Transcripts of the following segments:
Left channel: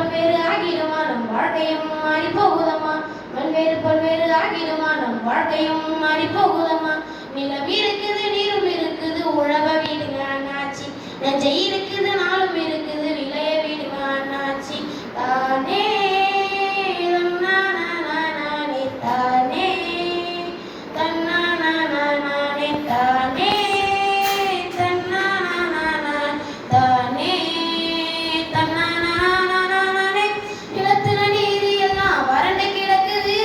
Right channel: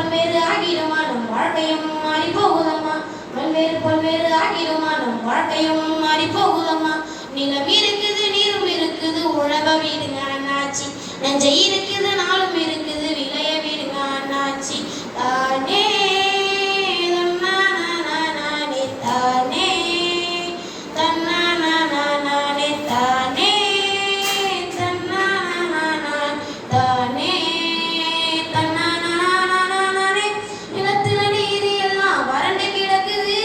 பல்வேறு ஆகிடுமா நம் வாழ்க்கையும் மாறி போகுதம்மா. பல்வேறு ஆகிடுமா நம் வாழ்க்கையும் மாறி போகுதம்மா. நிலம் இருக்குது நீரும் இருக்குது உழவ வீடுங்க அண்ணாச்சி. நெஞ்சை இருக்குது நாளும் இருக்குது விளைய வீடுங்க அண்ணாச்சி. தானே தன்னானே தானே தன்னானே தானே தன்னானே தானே தன்னானே. நிலத்துல நீர் எல்லாம் வறண்டு கிடக்குது.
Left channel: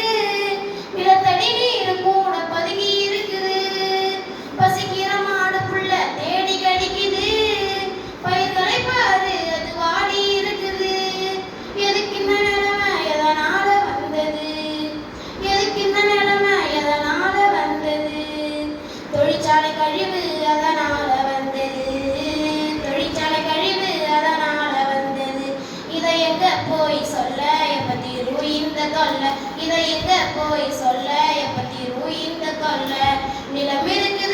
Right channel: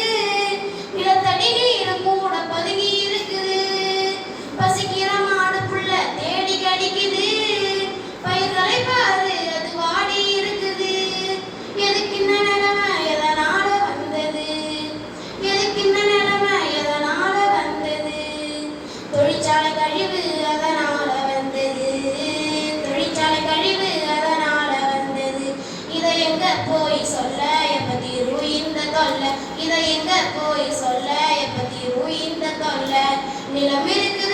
நிலத்தடி நீர் கூட பதுங்கி இருக்குது. பசிக்கிற மாடு புள்ள தேடி கடிக்குது. பயிர்களை பாரு அது வாடி இருக்குது. எதுக்கு இந்த நிலைமை எதனால வந்தது? எதுக்கு இந்த நிலைமை எதனால வந்தது? தொழிற்சாலை கழிவு அதனால வந்தது. தொழிற்சாலை கழிவு அதனால வந்தது. இதை எங்க போய் சொல்ல எப்ப தீர்வு இந்த தொல்லை? இதை எங்க போய் சொல்ல எப்ப தீர்வு இந்த தொல்லை? நிலம் இருக்கு